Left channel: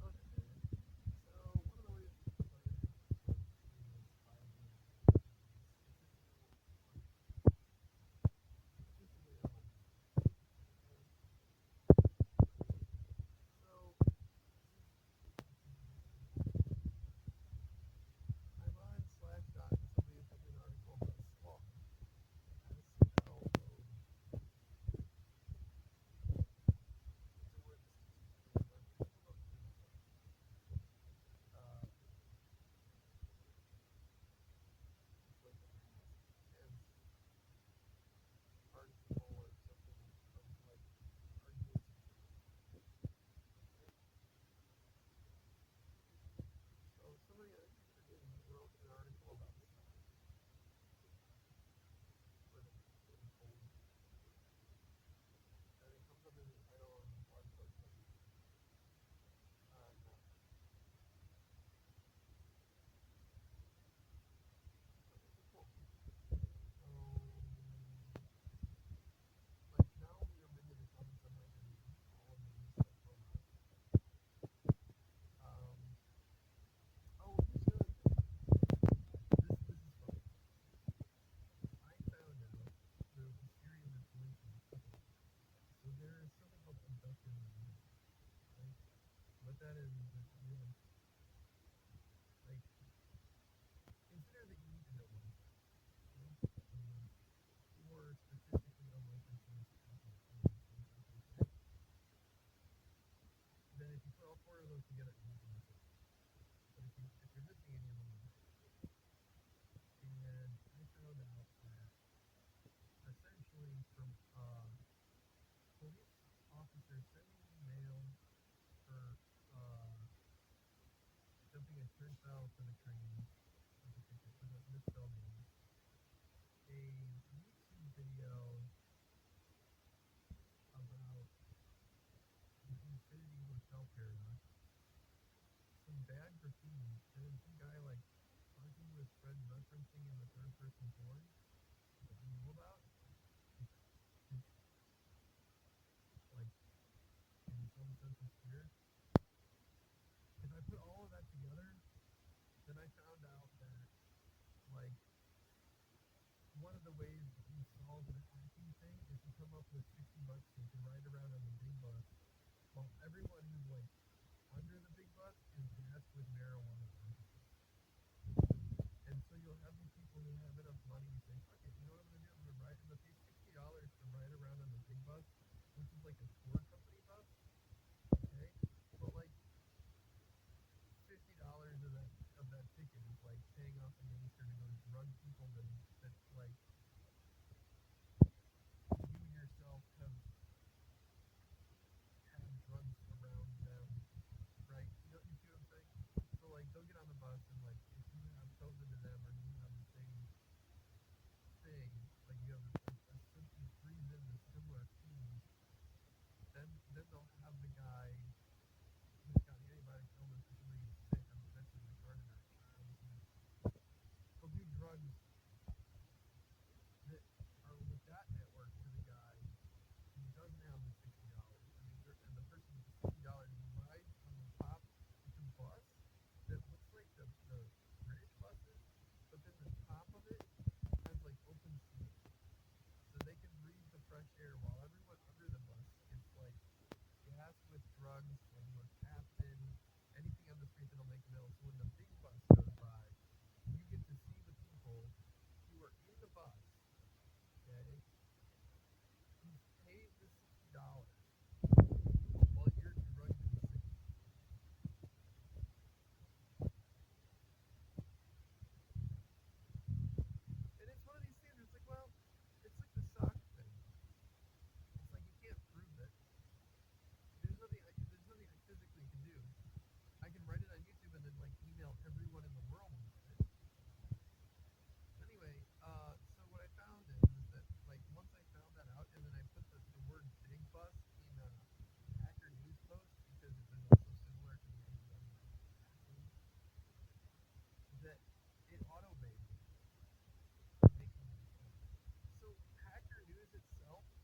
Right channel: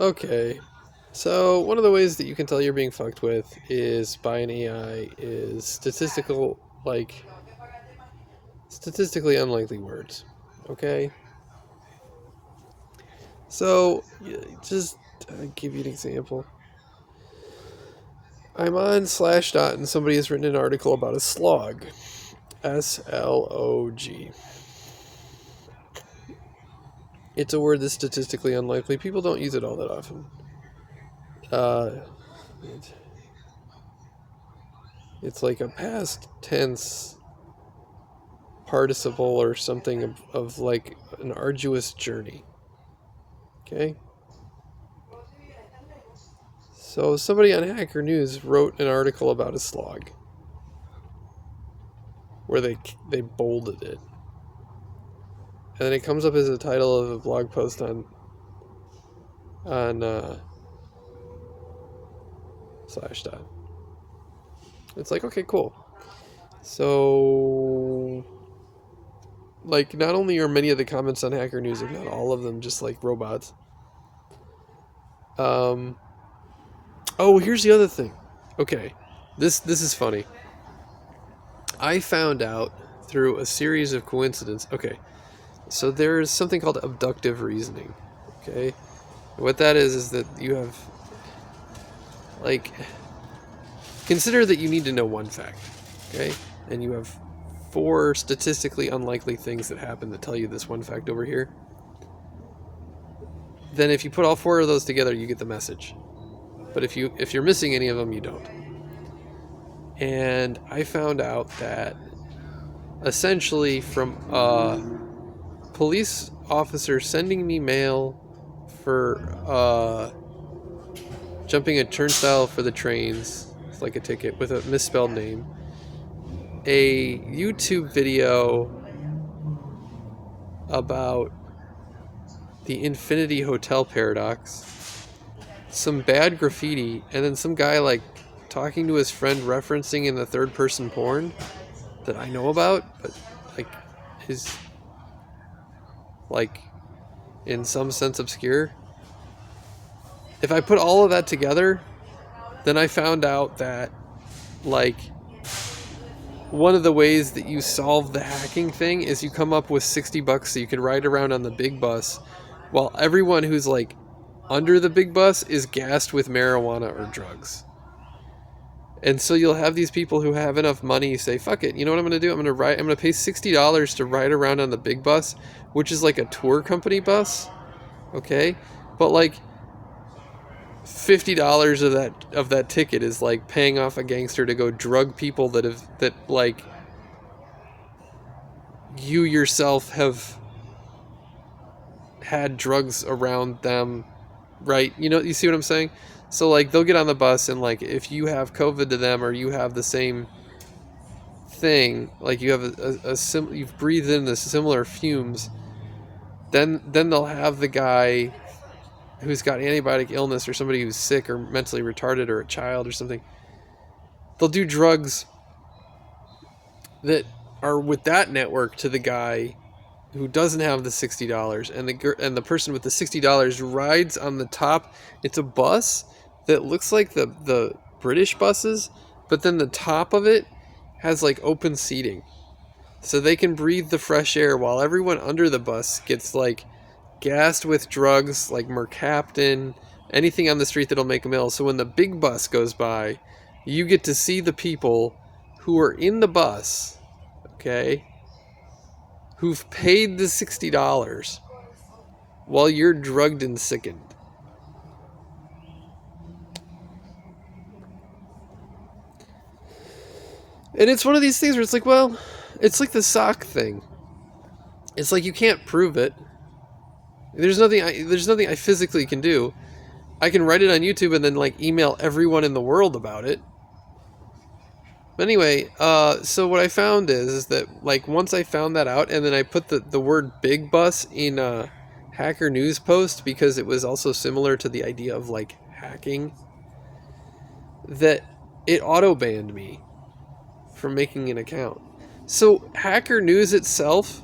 Okay, so one of the ways that you can tell you're being fucked with is by an AI is statistically unlikely words. Okay, so just give you an example. I'm on Slashdot and somebody has written an article about a slog, SLOG. It's a word that's statistically unlikely. People don't use it all that often. Uh, it's like a past tense participle or something of like an arduous journey. Okay? So somebody on Hacker News wrote an article about a slog where they bolded it. And then it comes up as a title of a blog post on Slashdot. It's like, okay, cool. So like not only are many of the comments on Hacker News, if not all of them, just like robots. Um oh, here's the other thing. Okay. This is funny. I found out through a series of coincidences. Okay, so there's something called abductive reasoning. Okay, what that is that you have, like, consider that you need to know one fact. Okay, and you have four statistically unlikely things that happen that tell you this one fact over here. Then if you put all four of those together, you get the message. But if you're missing any of them, you don't. And I found out that essentially from police officer sending me mail for jumping a turnstile for the trains, it's like a ticket with a misspelled name, a YouTube video about the Infinity Hotel paradox, some bad graffiti, and then some guy like talking to his friend referencing in the third person porn that I know about, but like is like in some sense obscure. If I put all of that together, then I found out that like one of the ways that you solve the hacking thing is you come up with $60 so you can ride around on the big bus while everyone who's like under the big bus is gassed with marijuana or drugs. And so you'll have these people who have enough money say, "Fuck it, you know what I'm going to do? I'm going to pay $60 to ride around on the big bus, which is like a tour company bus." Okay? But like $50 of that ticket is like paying off a gangster to go drug people that like you yourself have had drugs around them, right? You know, you see what I'm saying? So like they'll get on the bus and like if you have COVID to them or you have the same thing, like you have you've breathed in the similar fumes, then they'll have the guy who's got antibiotic illness or somebody who's sick or mentally retarded or a child or something. They'll do drugs that are with that network to the guy who doesn't have the $60, and the person with the $60 rides on the top. It's a bus that looks like the British buses, but then the top of it has like open seating, so they can breathe the fresh air while everyone under the bus gets like gassed with drugs like mercaptan, anything on the street that'll make them ill. So when the big bus goes by, you get to see the people who are in the bus, okay, who've paid the $60 while you're drugged and sickened. And it's one of these things where it's like, well, it's like the sock thing. It's like you can't prove it. There's nothing I physically can do. I can write it on YouTube and then like email everyone in the world about it. But anyway, so what I found is that like once I found that out and then I put the word big bus in a Hacker News post because it was also similar to the idea of like hacking, that it auto banned me from making an account. So Hacker News itself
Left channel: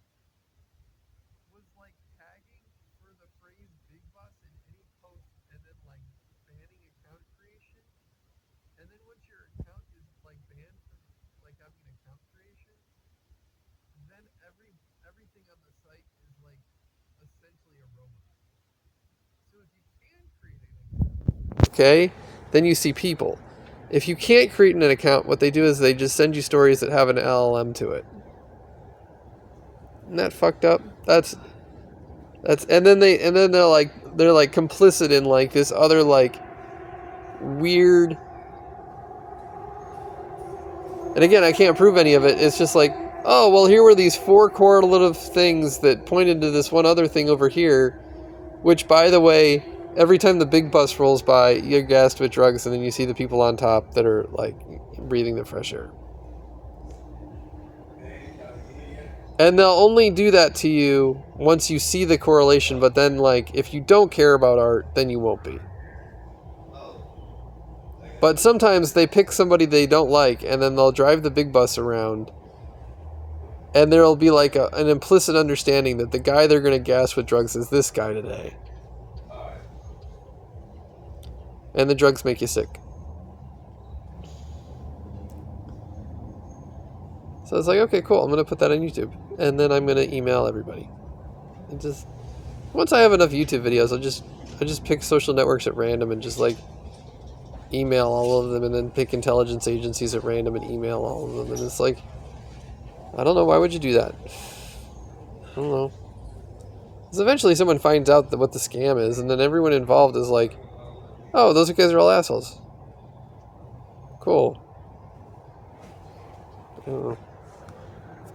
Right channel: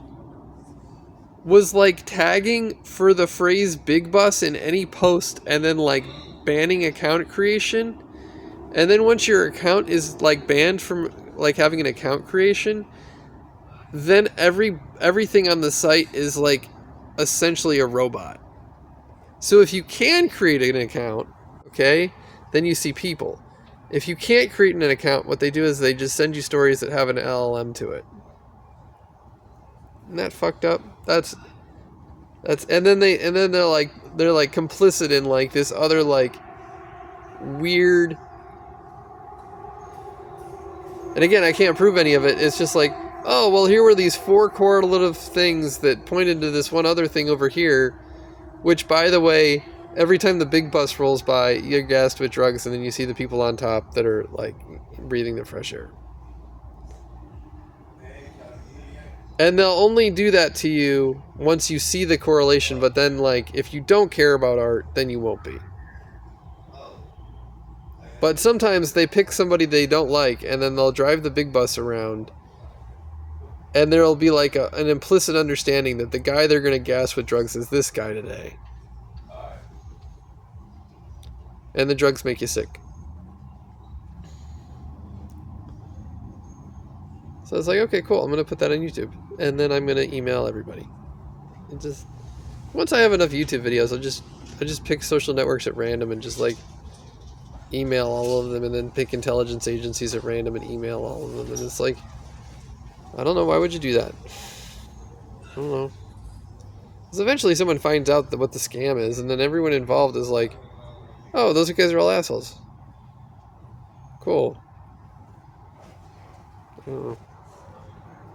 was like tagging for the phrase big bus in any post and then like banning account creation. And then once your account is like banned from like having an account creation, then everything on the site is like essentially a robot. So if you can create an account, okay, then you see people. If you can't create an account, what they do is they just send you stories that have an LLM to it. Isn't that fucked up? That's and then they're like complicit in like this other like weird. And again, I can't prove any of it. It's just like, oh, well, here were these 4 correlative things that pointed to this one other thing over here, which, by the way, every time the big bus rolls by, you're gassed with drugs, and then you see the people on top that are, like, breathing the fresh air. And they'll only do that to you once you see the correlation, but then, like, if you don't care about art, then you won't be. But sometimes they pick somebody they don't like, and then they'll drive the big bus around, and there'll be like an implicit understanding that the guy they're going to gas with drugs is this guy today. And the drugs make you sick. So it's like, okay, cool, I'm going to put that on YouTube. And then I'm going to email everybody. And just, once I have enough YouTube videos, I just pick social networks at random and just like email all of them, and then pick intelligence agencies at random and email all of them. And it's like, I don't know, why would you do that? I don't know. Because eventually someone finds out what the scam is, and then everyone involved is like, oh, those guys are all assholes. Cool. I don't know.